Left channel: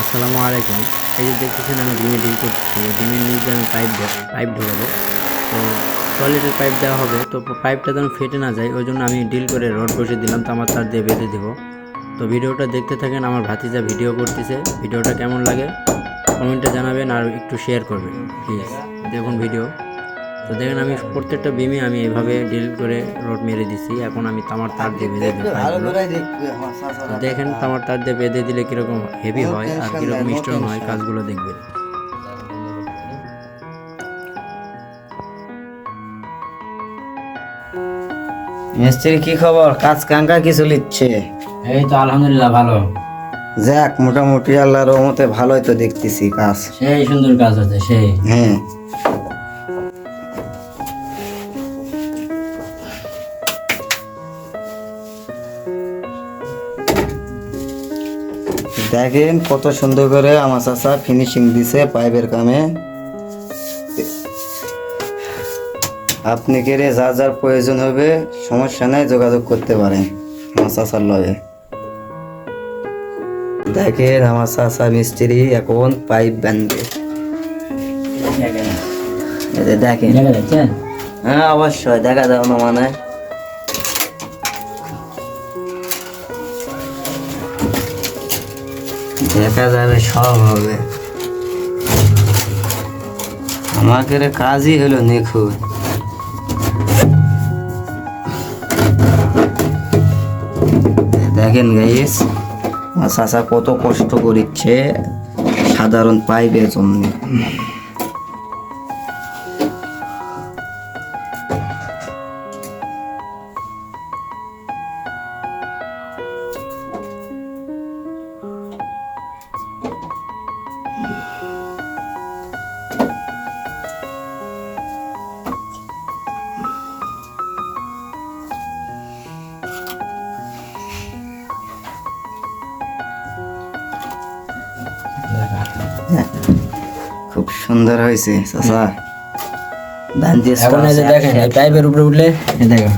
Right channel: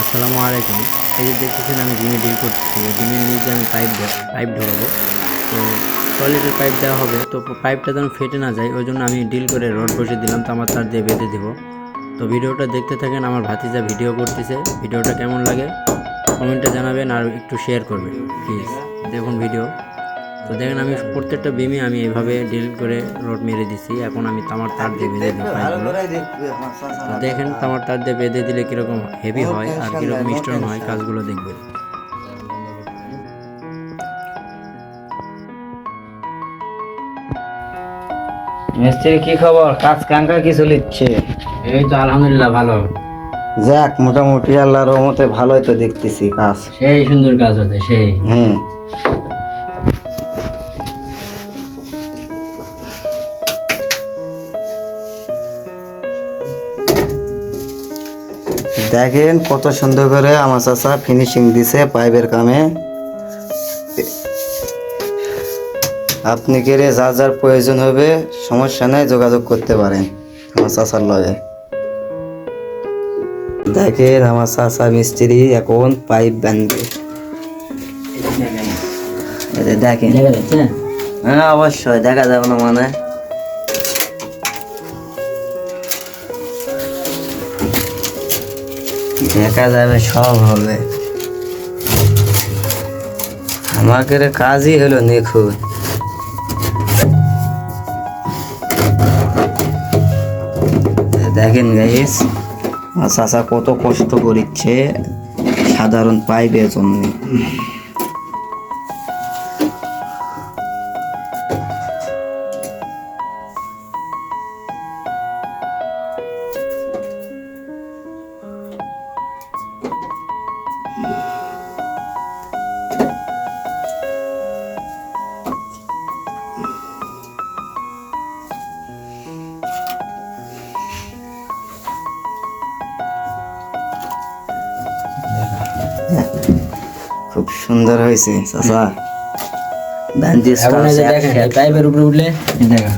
আসসালামু আলাইকুম। এই যে দেখতেছেন আমি ডিমে ডিল করতেছি, ডিমের নিচে আমি পাইপ ঢোকাবো। তো টয়লেটের পাইপ দেওয়া হবে, তো পাইপটা যেন ফেটে না যায় ওই জন্য আমি ডিল করে রড বসে দিলাম, তো আমার তার দিয়ে বেঁধে দিব। তো ভিডিওটা দেখতে থাকেন, আমার ভাতিজা ভিডিও করতেছে। ভিডিওটা কেমন লাগে কমেন্টে জানাবেন আর একটু শেয়ার করবেন প্লিজ। দেখুন ভিডিও। তো দেখেন আমি প্রত্যেকটা বিমে আমি এভাবে ডিল করে রড মেরে দিছি। এখন আমি তামার তার দিয়ে বেঁধে দেবো পাইপগুলো। তো দেখেন তামার তার দিয়ে বেঁধে দিলে কীরকম হেভি হয় আর কীরকম স্ট্রং হয়, কাজগুলো দেখবেন। মিস্ত্রি কি খবর? কাজ কাঙ্কা কি চলিচ্ছে? এই তো আলহামদুলিল্লাহ ভালো, যাক, মোটামুটি আল্লাহর রহমতে ভালোই তো দেখতেছি কাজ। সেই সুন্দর কাজ হচ্ছে সেই। হ্যাঁ, দেখেন কত সুন্দর করে আমার চাচা ফিনিশিং দিছে পাইপের কামে। আপনি কেড়ে যা যার প্রয়োজন হবে সমস্যা নাই, যোগাযোগ করতে পারেন আমার চাচার লগে। দেখেন আমার চাচা মিস্ত্রি এখন পাইপ বাঁধবে। এতে দেখেন, দেখা যাচ্ছে হ্যাঁ অবশ্যই দেখা যাবে না মানে। দেখা যাবে, সব হবে। আমাদের কাজই হলো নিখুঁত। দেখেন গাইস, আমার চাচা কত কষ্ট করিচ্ছে সাধারণ পাইপের জন্য। খুব সুন্দর হয়েছে চাচা। এখন এই যে দেখেন এই পাইপের উপরে উঠলে এই দেখেন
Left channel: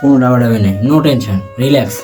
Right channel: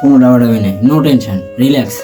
কোনো ডাউট হবে না, নো টেনশন, রিল্যাক্স।